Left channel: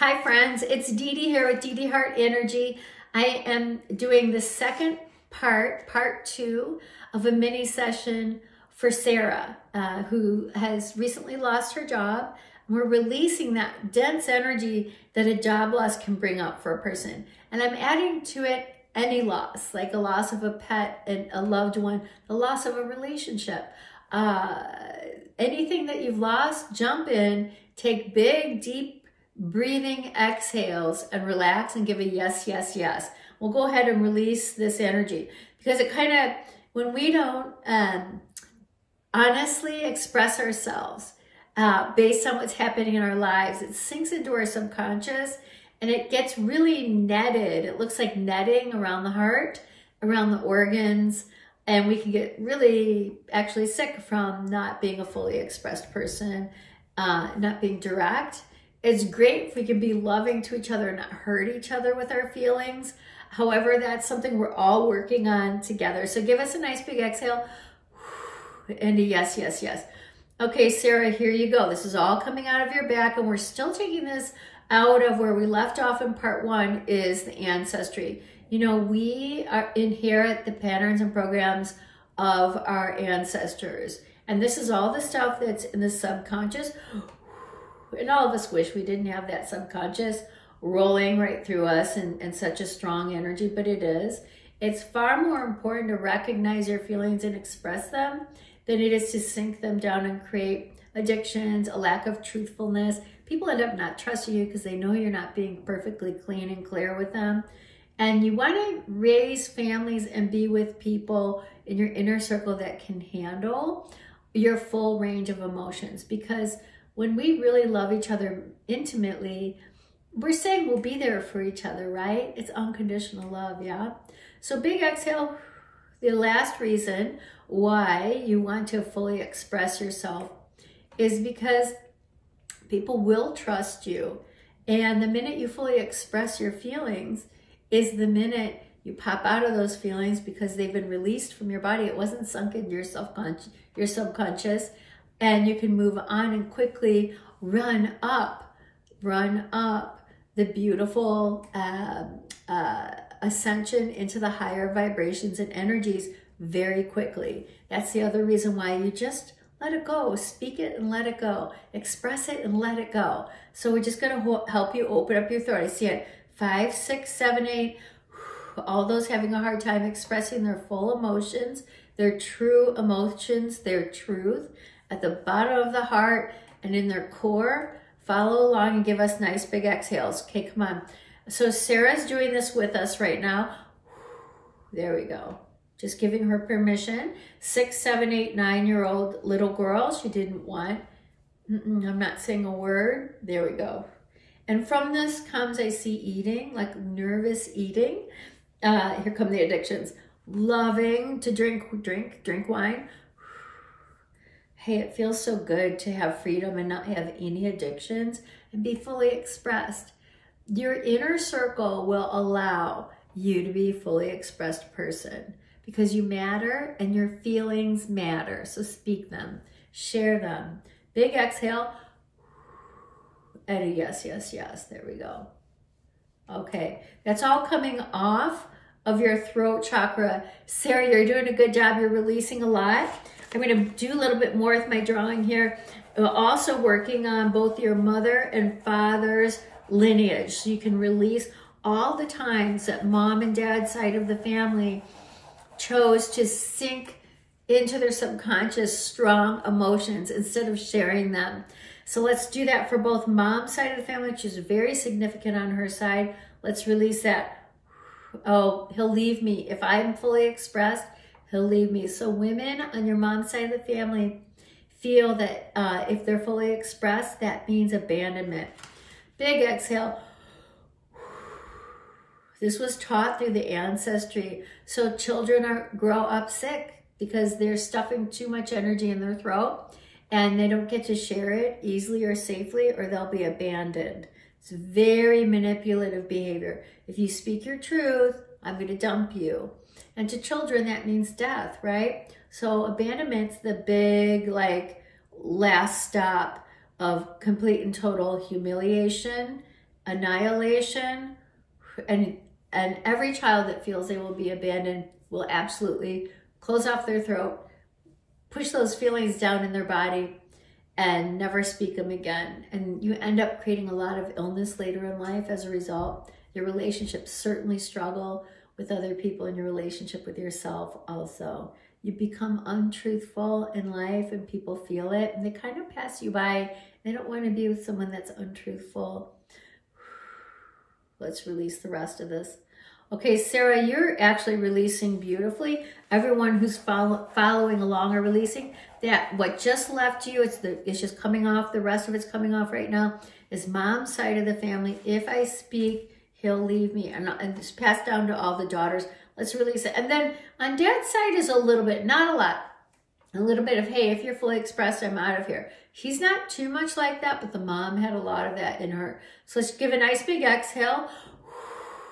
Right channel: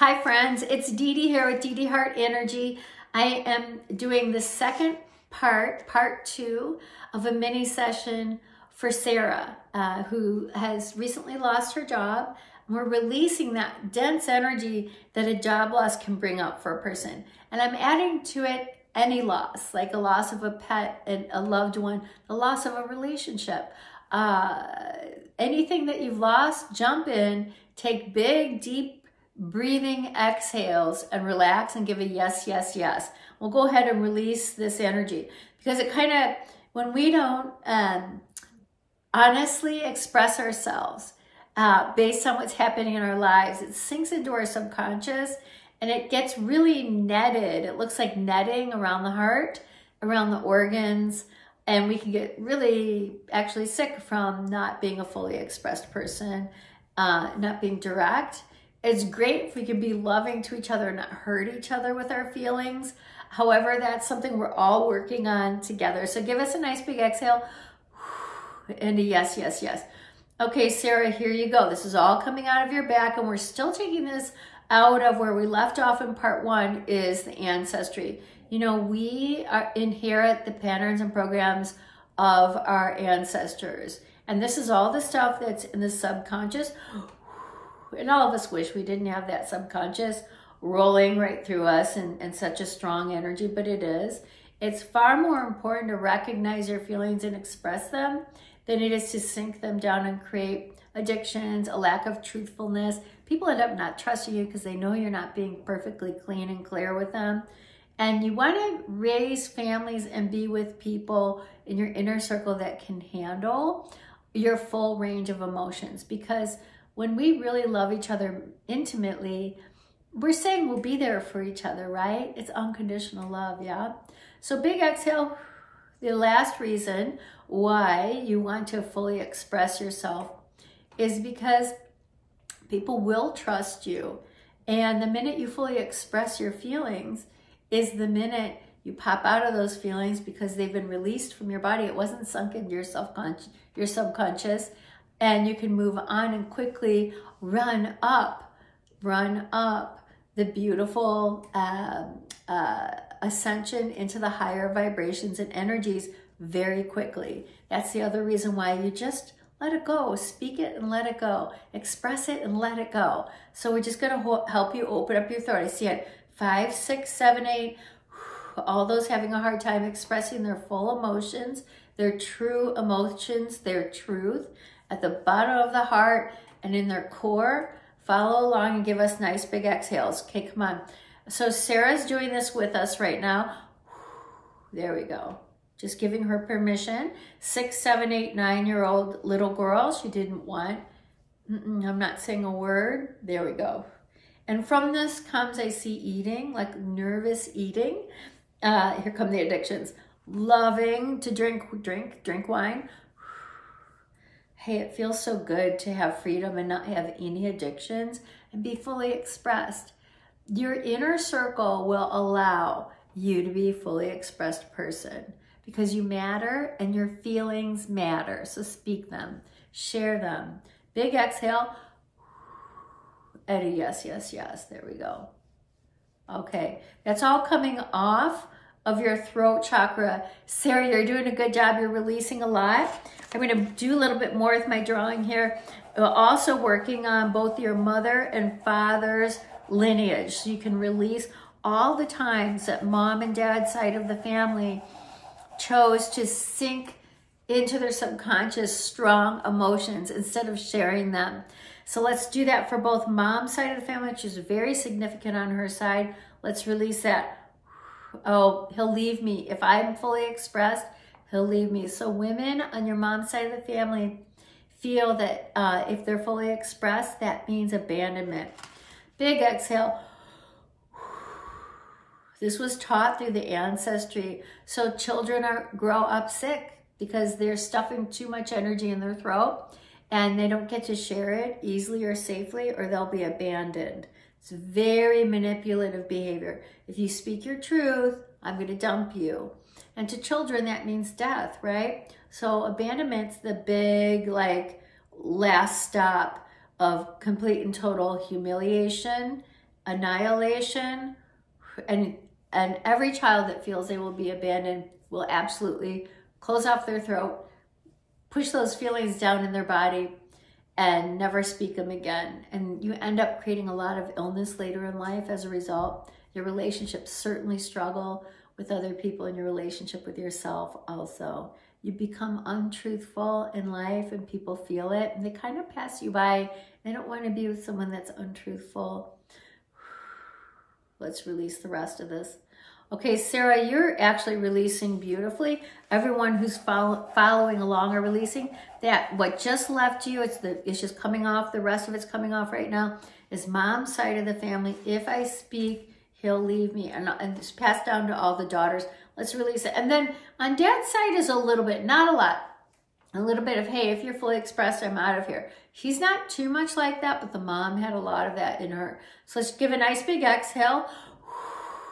Hi friends, it's Dede here with Dede Hart Energy. I am doing the second part 2 of a mini session for Sarah, who has recently lost her job. We're releasing that dense energy that a job loss can bring up for a person. And I'm adding to it any loss, like a loss of a pet and a loved one, the loss of a relationship. Anything that you've lost, jump in, take big, deep, breathing exhales and relax and give a yes, yes, yes. We'll go ahead and release this energy because it kind of, when we don't honestly express ourselves based on what's happening in our lives, it sinks into our subconscious and it gets really netted. It looks like netting around the heart, around the organs, and we can get really actually sick from not being a fully expressed person, not being direct. It's great if we can be loving to each other and not hurt each other with our feelings. However, that's something we're all working on together. So give us a nice big exhale and a yes, yes, yes. Okay, Sarah, here you go. This is all coming out of your back, and we're still taking this out of where we left off in part 1 is the ancestry. You know, we inherit the patterns and programs of our ancestors. And this is all the stuff that's in the subconscious. And all of us wish we didn't have that subconscious rolling right through us and such a strong energy, but it is. It's far more important to recognize your feelings and express them than it is to sink them down and create addictions, a lack of truthfulness. People end up not trusting you because they know you're not being perfectly clean and clear with them. And you want to raise families and be with people in your inner circle that can handle your full range of emotions, because when we really love each other intimately, we're saying we'll be there for each other, right? It's unconditional love, yeah? So big exhale. The last reason why you want to fully express yourself is because people will trust you. And the minute you fully express your feelings is the minute you pop out of those feelings because they've been released from your body. It wasn't sunk into your subconscious. And you can move on and quickly run up the beautiful ascension into the higher vibrations and energies very quickly. That's the other reason why you just let it go. Speak it and let it go. Express it and let it go. So we're just going to help you open up your throat. I see it. 5, 6, 7, 8. All those having a hard time expressing their full emotions, their true emotions, their truth, at the bottom of the heart and in their core. Follow along and give us nice big exhales. Okay, come on. So Sarah's doing this with us right now. There we go. Just giving her permission. 6, 7, 8, 9-year-old little girl. She didn't want. I'm not saying a word. There we go. And from this comes, I see eating, like nervous eating. Here come the addictions. Loving to drink wine. Hey, it feels so good to have freedom and not have any addictions and be fully expressed. Your inner circle will allow you to be a fully expressed person because you matter and your feelings matter. So speak them, share them. Big exhale and a yes, yes, yes. There we go. Okay, that's all coming off of your throat chakra. Sarah, you're doing a good job. You're releasing a lot. I'm going to do a little bit more with my drawing here. We're also working on both your mother and father's lineage. So you can release all the times that mom and dad's side of the family chose to sink into their subconscious strong emotions instead of sharing them. So let's do that for both mom's side of the family, which is very significant on her side. Let's release that. Oh, he'll leave me. If I'm fully expressed, he'll leave me. So women on your mom's side of the family feel that if they're fully expressed, that means abandonment. Big exhale. This was taught through the ancestry. So children grow up sick because they're stuffing too much energy in their throat and they don't get to share it easily or safely, or they'll be abandoned. It's very manipulative behavior. If you speak your truth, I'm going to dump you. And to children, that means death, right? So abandonment's the big, like, last stop of complete and total humiliation annihilation, and every child that feels they will be abandoned will absolutely close off their throat, push those feelings down in their body, and never speak them again. And you end up creating a lot of illness later in life as a result. Your relationships certainly struggle with other people, and your relationship with yourself also. You become untruthful in life, and people feel it, and they kind of pass you by. They don't want to be with someone that's untruthful. Let's release the rest of this. Okay, Sarah, you're actually releasing beautifully. Everyone who's following along are releasing. That what just left you, it's just coming off. The rest of it's coming off right now. Is mom's side of the family. If I speak, he'll leave me. And it's passed down to all the daughters. Let's release it. And then on dad's side is a little bit, not a lot. A little bit of, hey, if you're fully expressed, I'm out of here. He's not too much like that, but the mom had a lot of that in her. So let's give a nice big exhale.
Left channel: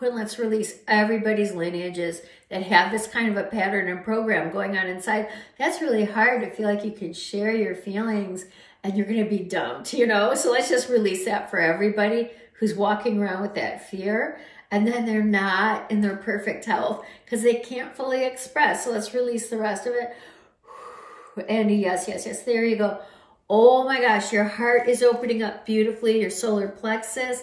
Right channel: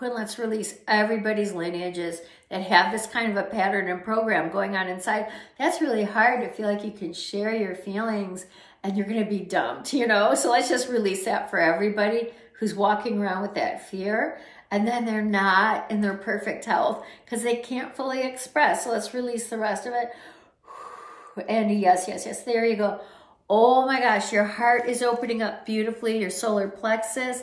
And let's release everybody's lineages that have this kind of a pattern and program going on inside. That's really hard to feel like you can share your feelings and you're going to be dumped, you know? So let's just release that for everybody who's walking around with that fear. And then they're not in their perfect health because they can't fully express. So let's release the rest of it. And yes, yes, yes. There you go. Oh my gosh, your heart is opening up beautifully. Your solar plexus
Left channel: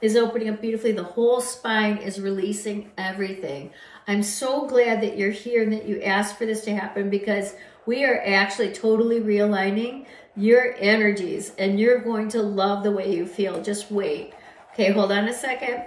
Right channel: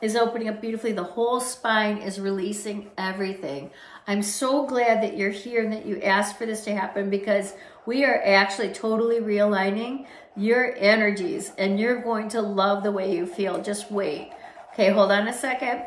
is opening up beautifully. The whole spine is releasing everything. I'm so glad that you're here and that you asked for this to happen, because we are actually totally realigning your energies and you're going to love the way you feel. Just wait. Okay, hold on a second.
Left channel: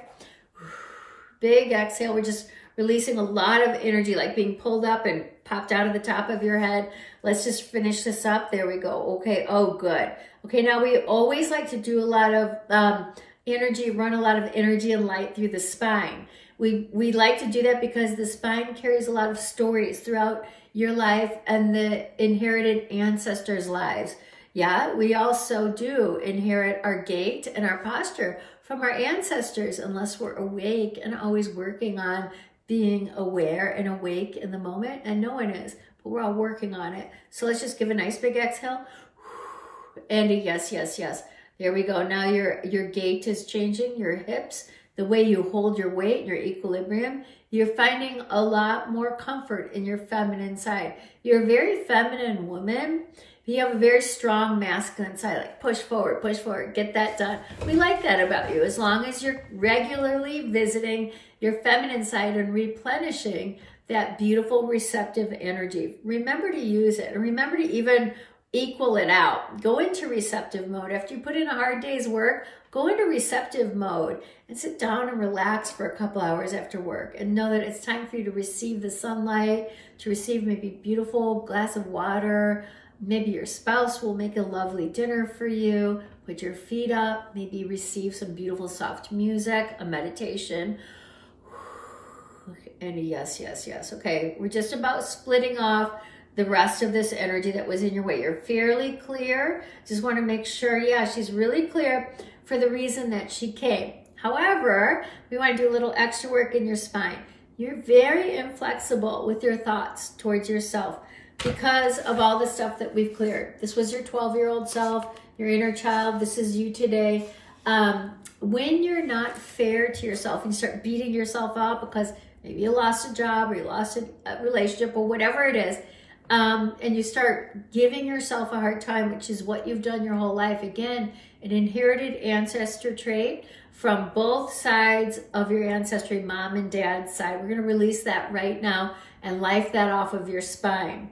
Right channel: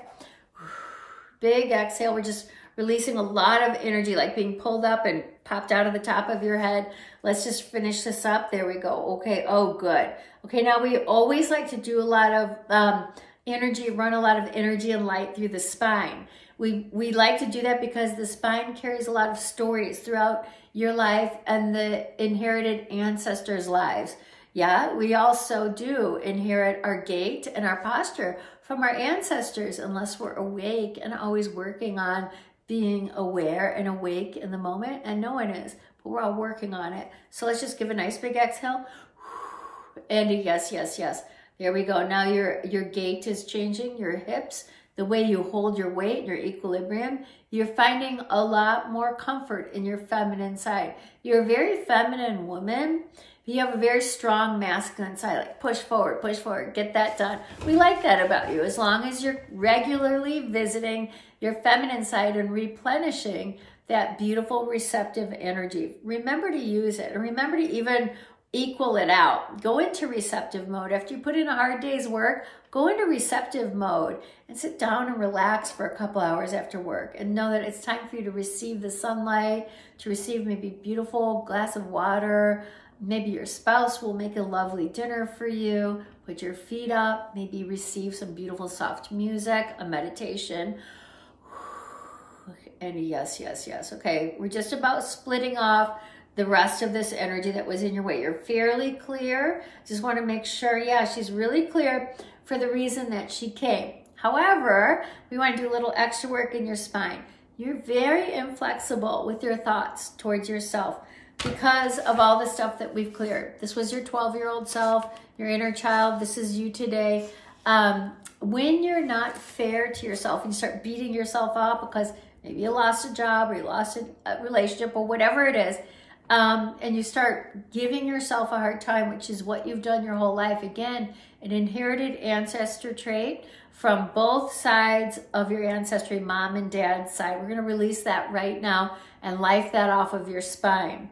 Big exhale. We're just releasing a lot of energy, like being pulled up and popped out of the top of your head. Let's just finish this up. There we go. Okay. Oh, good. Okay. Now we always like to do a lot of energy, run a lot of energy and light through the spine. We like to do that because the spine carries a lot of stories throughout your life and the inherited ancestors' lives. Yeah, we also do inherit our gait and our posture from our ancestors, unless we're awake and always working on being aware and awake in the moment. And no one is, but we're all working on it. So let's just give a nice big exhale. And a yes, yes, yes. There we go. Now your gait is changing, your hips, the way you hold your weight, your equilibrium. You're finding a lot more comfort in your feminine side. You're a very feminine woman. You have a very strong masculine side, like push forward, get that done. We like that about you, as long as you're regularly visiting your feminine side and replenishing that beautiful receptive energy. Remember to use it, and remember to even equal it out. Go into receptive mode. After you put in a hard day's work, go into receptive mode and sit down and relax for a couple hours after work, and know that it's time for you to receive the sunlight, to receive maybe a beautiful glass of water. Maybe your spouse will make a lovely dinner for you. Put your feet up, maybe receive some beautiful soft music, a meditation. And yes, yes, yes. Okay, we're just about splitting off the rest of this energy that was in your way. You're fairly clear. Just want to make sure, yeah, she's really clear for the reason that she came. However, we want to do a little extra work in your spine. You're very inflexible with your thoughts towards yourself because of all the stuff that we've cleared. This was your 12-year-old self, your inner child. This is you today. When you're not fair to yourself and you start beating yourself up because maybe you lost a job or you lost a relationship or whatever it is, and you start giving yourself a hard time, which is what you've done your whole life. Again, an inherited ancestor trait from both sides of your ancestry, mom and dad's side. We're going to release that right now and life that off of your spine.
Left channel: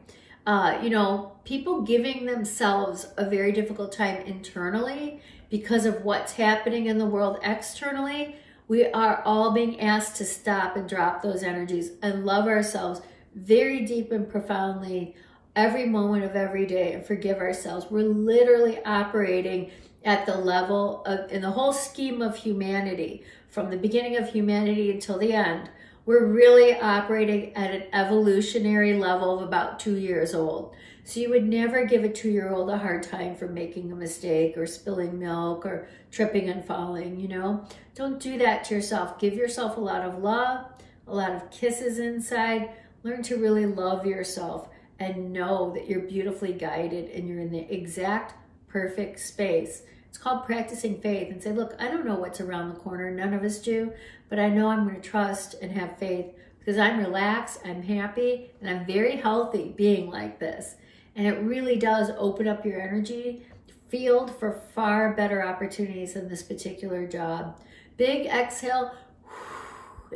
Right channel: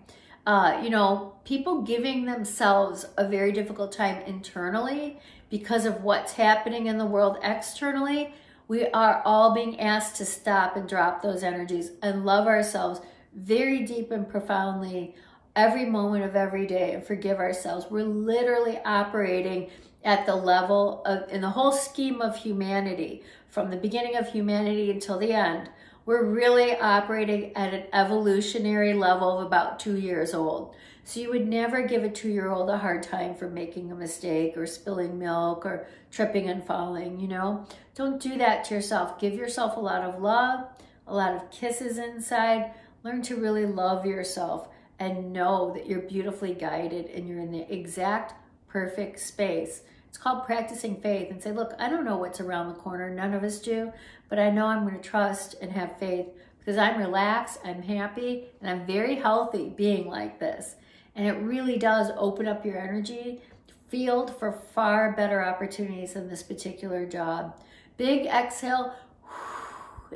You know, people giving themselves a very difficult time internally because of what's happening in the world externally. We are all being asked to stop and drop those energies and love ourselves very deep and profoundly every moment of every day and forgive ourselves. We're literally operating at the level of, in the whole scheme of humanity, from the beginning of humanity until the end, we're really operating at an evolutionary level of about 2 years old. So you would never give a 2-year-old a hard time for making a mistake or spilling milk or tripping and falling, you know? Don't do that to yourself. Give yourself a lot of love, a lot of kisses inside. Learn to really love yourself and know that you're beautifully guided and you're in the exact perfect space It's called practicing faith, and say, look, I don't know what's around the corner. None of us do, but I know I'm going to trust and have faith because I'm relaxed, I'm happy, and I'm very healthy being like this. And it really does open up your energy field for far better opportunities in this particular job. Big exhale,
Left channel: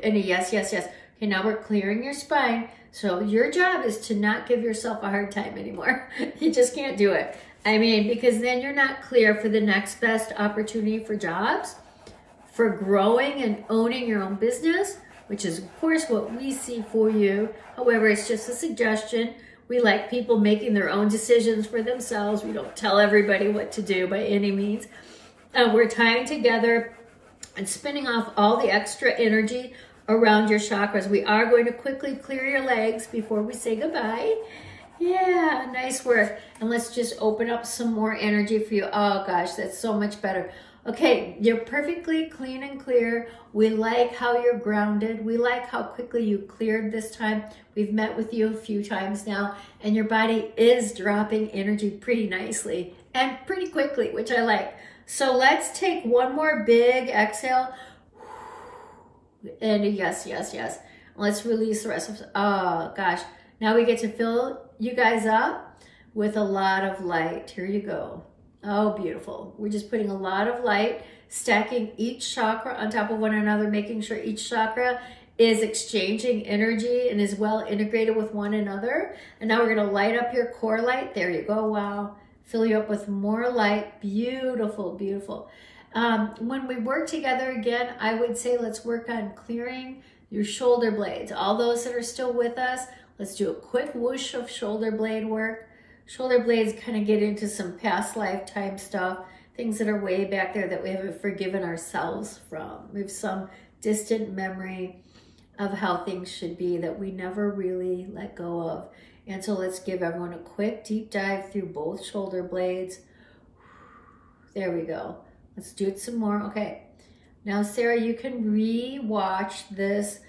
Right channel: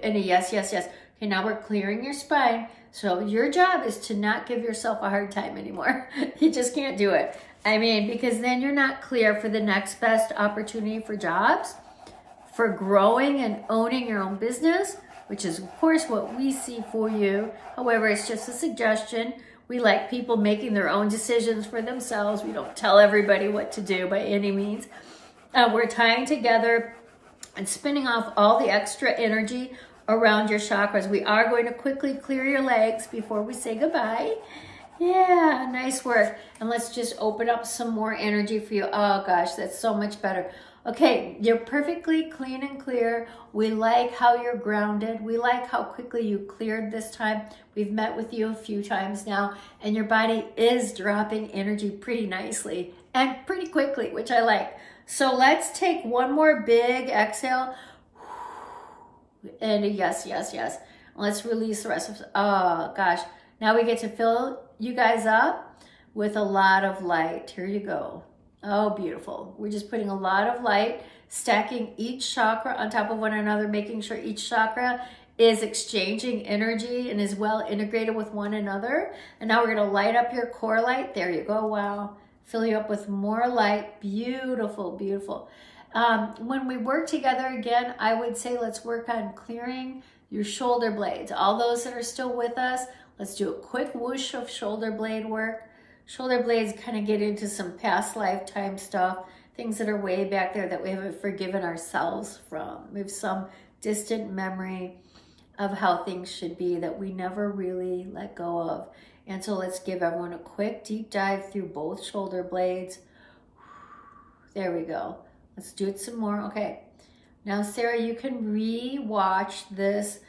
and a yes, yes, yes. Okay, now we're clearing your spine. So your job is to not give yourself a hard time anymore. You just can't do it. I mean, because then you're not clear for the next best opportunity for jobs, for growing and owning your own business, which is of course what we see for you. However, it's just a suggestion. We like people making their own decisions for themselves. We don't tell everybody what to do by any means. We're tying together and spinning off all the extra energy around your chakras. We are going to quickly clear your legs before we say goodbye. Yeah, nice work. And let's just open up some more energy for you. Oh gosh, that's so much better. Okay, you're perfectly clean and clear. We like how you're grounded. We like how quickly you cleared this time. We've met with you a few times now, and your body is dropping energy pretty nicely and pretty quickly, which I like. So let's take one more big exhale. And a yes, yes, yes. Let's release the rest of it. Oh gosh. Now we get to fill you guys up with a lot of light. Here you go. Oh, beautiful. We're just putting a lot of light, stacking each chakra on top of one another, making sure each chakra is exchanging energy and is well integrated with one another. And now we're going to light up your core light. There you go. Wow. Fill you up with more light. Beautiful, beautiful. When we work together again, I would say let's work on clearing your shoulder blades. All those that are still with us, let's do a quick whoosh of shoulder blade work. Shoulder blades kind of get into some past lifetime stuff, things that are way back there that we haven't forgiven ourselves from. We have some distant memory of how things should be that we never really let go of. And so let's give everyone a quick deep dive through both shoulder blades. There we go. Let's do it some more. Okay. Now, Sarah, you can re-watch this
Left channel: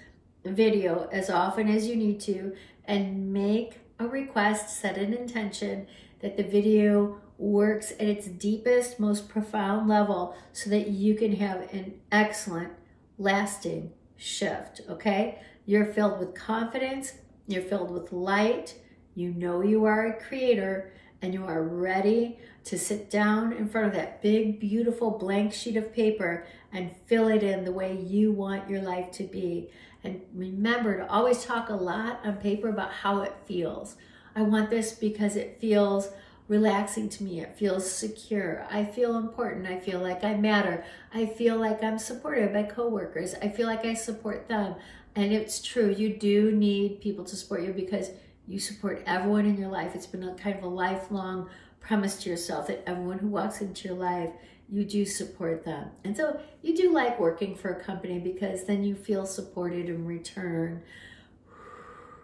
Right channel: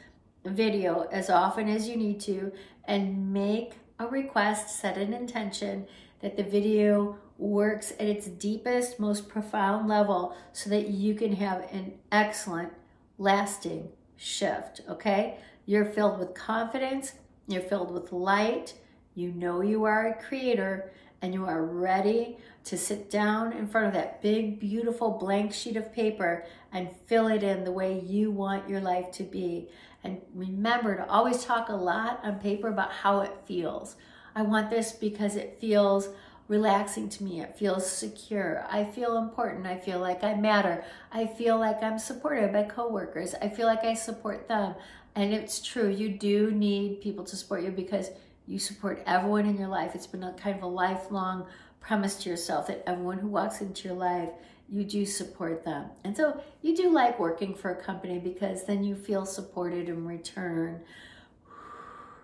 video as often as you need to and make a request, set an intention that the video works at its deepest, most profound level so that you can have an excellent, lasting shift, okay? You're filled with confidence, you're filled with light, you know you are a creator, and you are ready to sit down in front of that big, beautiful blank sheet of paper and fill it in the way you want your life to be. And remember to always talk a lot on paper about how it feels. I want this because it feels relaxing to me. It feels secure. I feel important. I feel like I matter. I feel like I'm supported by coworkers. I feel like I support them. And it's true. You do need people to support you because you support everyone in your life. It's been a kind of a lifelong premise to yourself that everyone who walks into your life, you do support them. And so you do like working for a company because then you feel supported in return.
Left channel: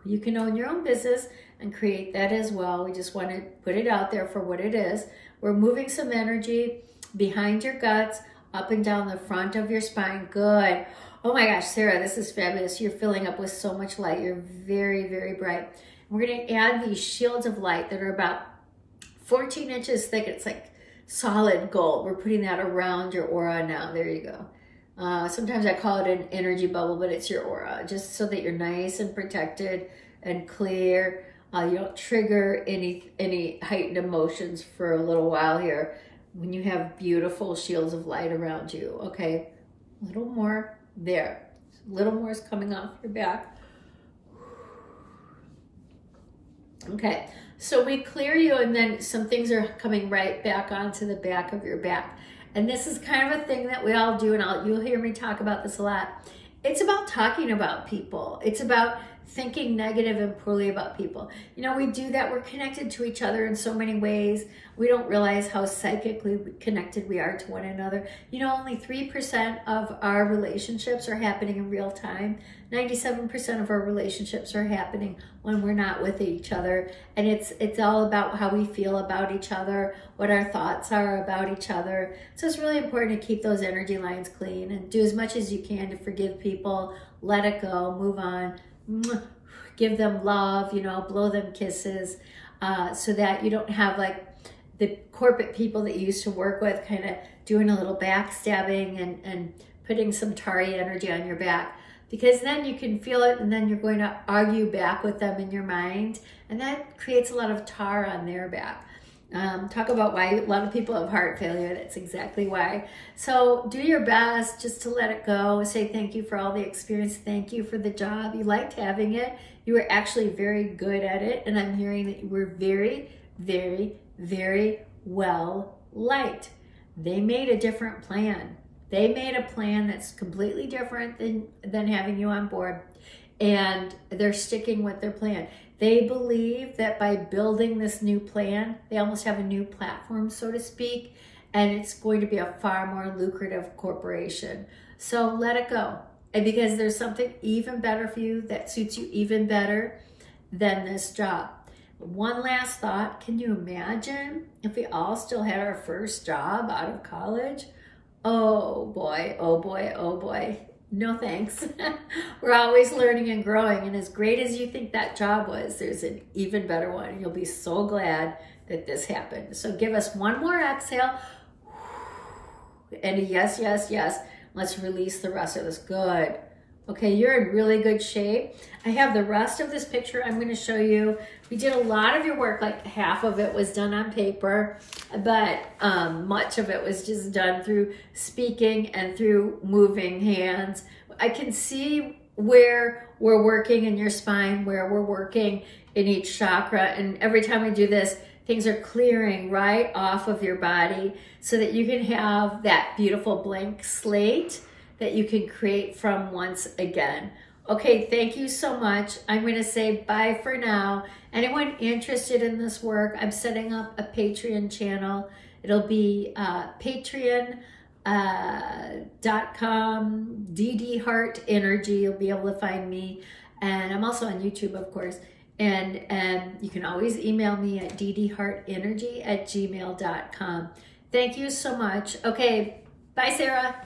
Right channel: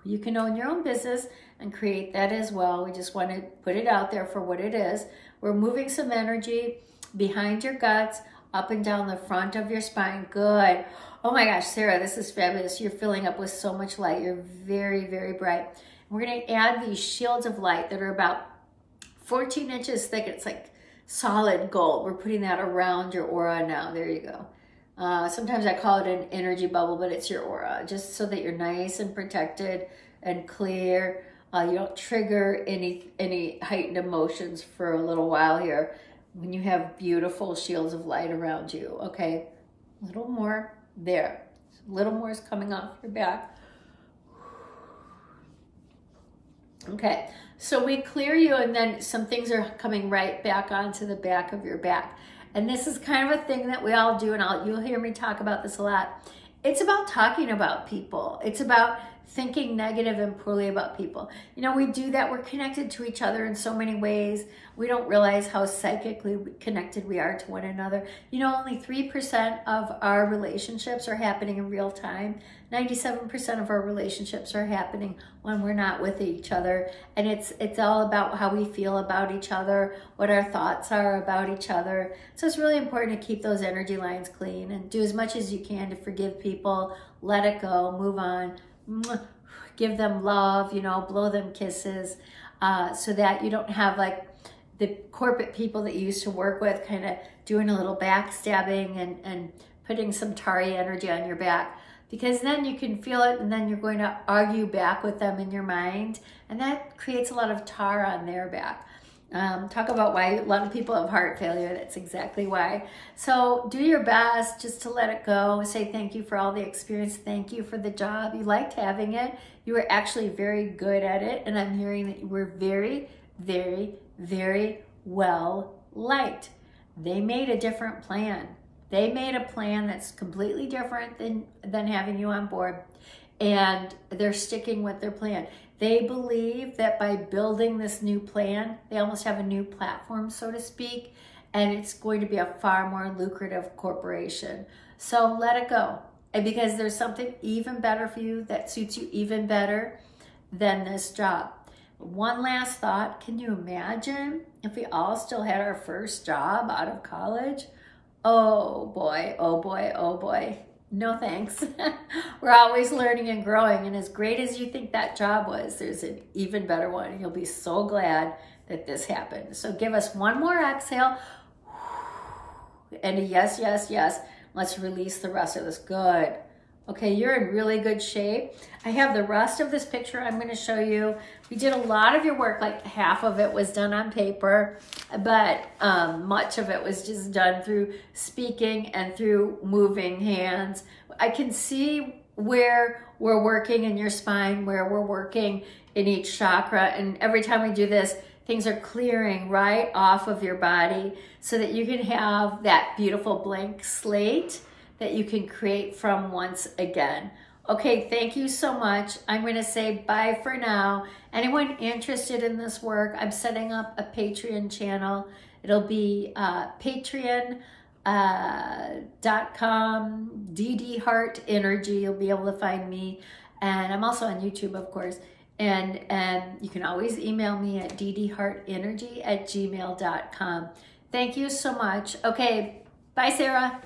You can own your own business and create that as well. We just want to put it out there for what it is. We're moving some energy behind your guts, up and down the front of your spine. Good. Oh my gosh, Sarah, this is fabulous. You're filling up with so much light. You're very, very bright. We're going to add these shields of light that are about 14 inches thick. It's like solid gold. We're putting that around your aura now. There you go. Sometimes I call it an energy bubble, but it's your aura, just so that you're nice and protected and clear. You don't trigger any heightened emotions for a little while here when you have beautiful shields of light around you. Okay, a little more there. A little more is coming off your back. Okay, so we clear you and then some things are coming right back onto the back of your back. And this is kind of a thing that we all do, and you'll hear me talk about this a lot. It's about talking about people. It's about thinking negative and poorly about people. You know, we do that. We're connected to each other in so many ways. We don't realize how psychically connected we are to one another. You know, only 3% of our relationships are happening in real time. 97% of our relationships are happening when we're not with each other. And it's all about how we feel about each other, what our thoughts are about each other. So it's really important to keep those energy lines clean and do as much as you can to forgive people, let it go, move on, give them love, you know, blow them kisses, so that you don't have like the corporate people that you used to work with kind of doing a little backstabbing and putting some Tari energy on your back, because then you can feel it and then you're going to argue back with them in your mind, and that creates a lot of tar on their back. Talk about why a lot of people have heart failure. That's exactly why. So do your best just to let it go. Say thank you for all the experience. Thank you for the job. You liked having it. You were actually very good at it. And I'm hearing that you were very, very, very well liked. They made a different plan. They made a plan that's completely different than having you on board. And they're sticking with their plan. They believe that by building this new plan, they almost have a new platform, so to speak, and it's going to be a far more lucrative corporation. So let it go. And because there's something even better for you that suits you even better than this job. One last thought, can you imagine if we all still had our first job out of college? Oh boy, oh boy, oh boy. No thanks. We're always learning and growing, and as great as you think that job was, there's an even better one. You'll be so glad that this happened. So give us one more exhale, and a yes, yes, yes. Let's release the rest of this. Good. Okay, you're in really good shape. I have the rest of this picture I'm going to show you. We did a lot of your work, like half of it was done on paper, but much of it was just done through speaking and through moving hands. I can see where we're working in your spine, where we're working in each chakra, and every time we do this, things are clearing right off of your body so that you can have that beautiful blank slate that you can create from once again. Okay, thank you so much. I'm going to say bye for now. Anyone interested in this work, I'm setting up a Patreon channel. It'll be patreon.com, Dede Hart Energy. You'll be able to find me. And I'm also on YouTube, of course. And you can always email me at dedehartenergy@gmail.com. Thank you so much. Okay, bye, Sarah.